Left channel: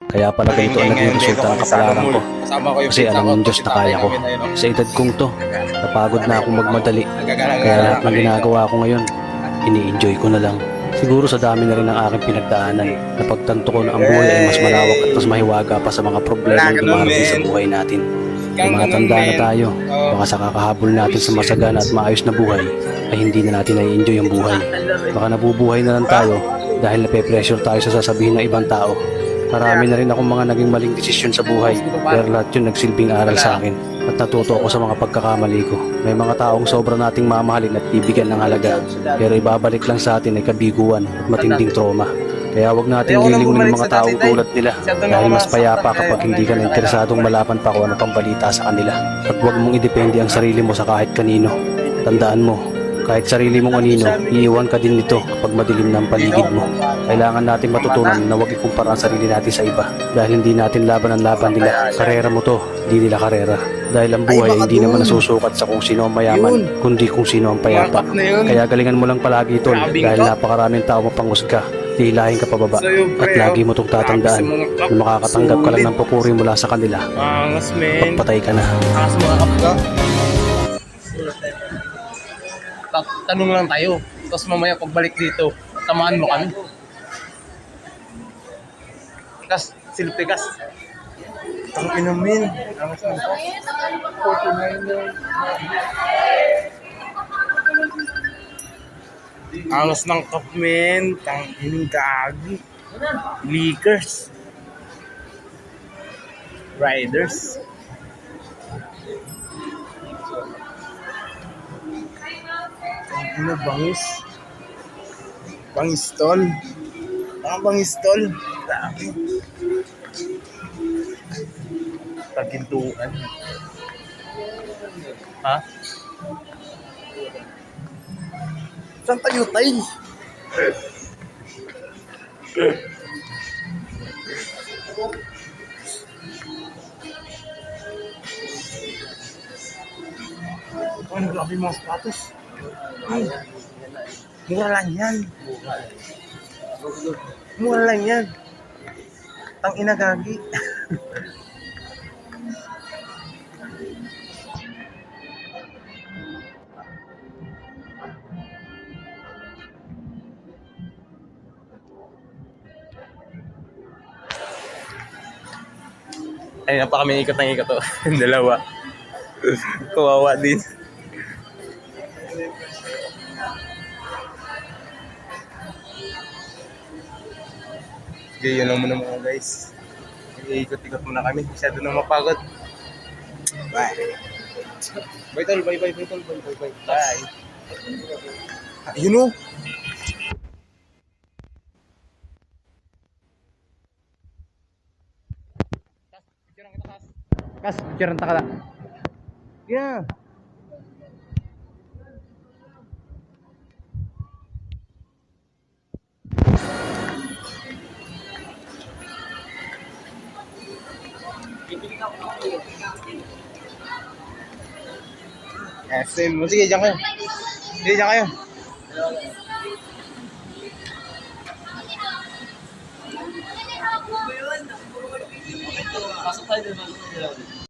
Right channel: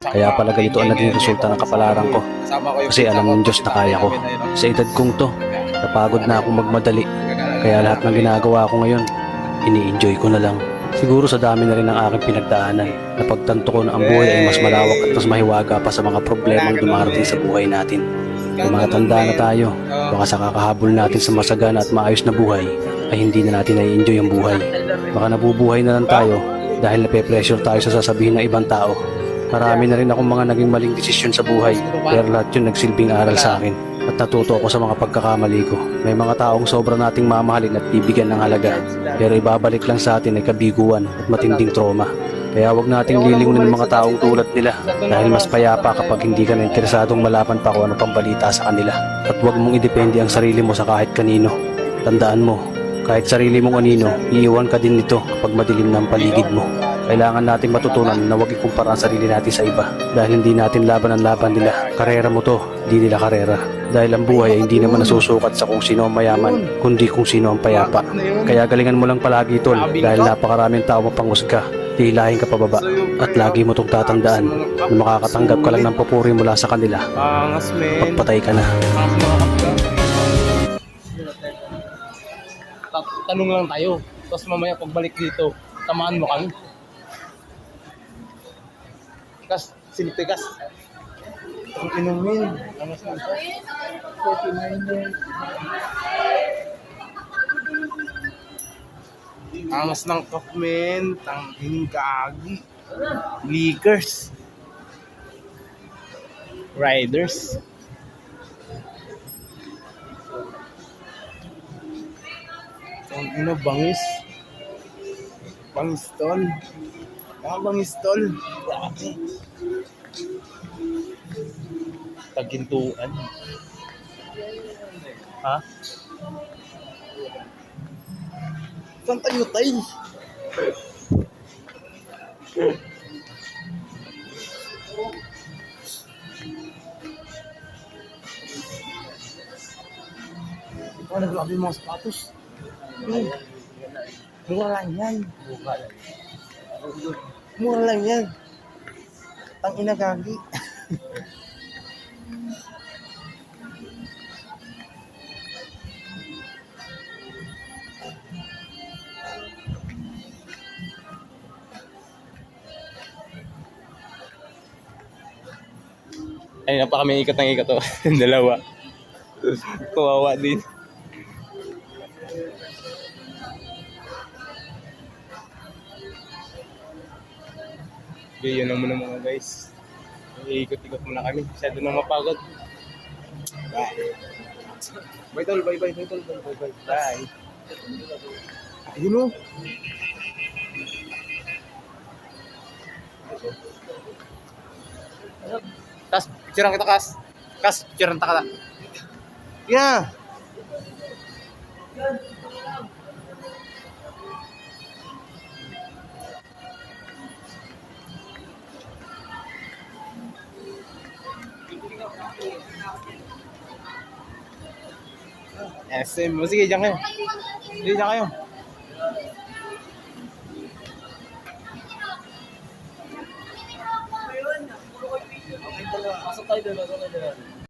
Kaya pala ganito ang naging resulta ng kapalaran ko. Kasi alam ng Diyos na kaya ko. Sa edad kong to, napagod na akong magmadali. Kaya lahat ng ginagawa ko ngayon, ini-enjoy ko na lang. Siguro sa dami na rin ng aking pinagdaanan, napagtanto ko na ang buhay ay mas malawak at mas mahiwaga pa sa mga problemang dumarating sa buhay natin. Tumatanda na tayo, baka sa kakahabol natin sa masagana at maayos na buhay, ay hindi na natin na-enjoy ang buhay. Baka nabubuhay na lang tayo dahil nape-pressure tayo sa sasabihin ng ibang tao. Marami na rin akong mga naging maling desisyon sa buhay, pero lahat yun nagsilbing aral sa akin at natuto ako sa mga pagkakamali ko. May mga taong sobra nating mamahalin at bibigyan ng halaga, pero ibabalik lang sa atin ay kabiguan at matinding trauma. Kaya wag nating lilingunin ng mga taong tulad nila dahil mas payapa kapag hindi ka na interesadong malaman pa kung ano pang balita sa kanila. At wag mong idepende ang sarili mo sa kahit kanino. Tandaan mo, kahit sarili mong anino, iiwan ka din nito kapag madilim na ang paligid mo. Kailangan nating matutunan na huwag ikumpara ang sarili natin sa iba dahil hindi natin laban ang laban nila. Karera mo to, di nila karera. Dahil ang buhay ay hindi naman nasusukat sa kung sino ang mayaman, kundi kung sino ang payapa. Kaya galingan mo lang palagi tol dahil napakaraming tao mapanghusga, hihilahin ka pababa. At lagi mo itong tatandaan na makakatanggap ka lang ng papuri mula sa kanila. Pagpatay ka na. Tanong lang tayo, tapos mamaya pagbalik dito, tamahan mo kami. Kas, silpikas. Ang inumin. Angas ng kapmen, tang gagi. Leakers. Riders. Ang ina, bangis. Bangistol. Bangistol. Grabe. Tagintuan. Ha? Saan tayo tayo? Ano grabe yung mga sapatos? Ay, mura lang yan. Mura lang yan. Tang ina gagi. Ay, pa kami ikot ng ikot to. Dalawa. Kawawa din. Okay, yun lang muna mga guys. Iikot-ikot muna kami. Masyado nang mapagod. Bye. Bye tol, bye bye tol, bye bye. Bye. Ayun o. Kas, picturean kita Kas. Kas, picturean ta ka. Yeah. SM, sige dyan kayo. Sige dyan kayo. Pasok tayo doon.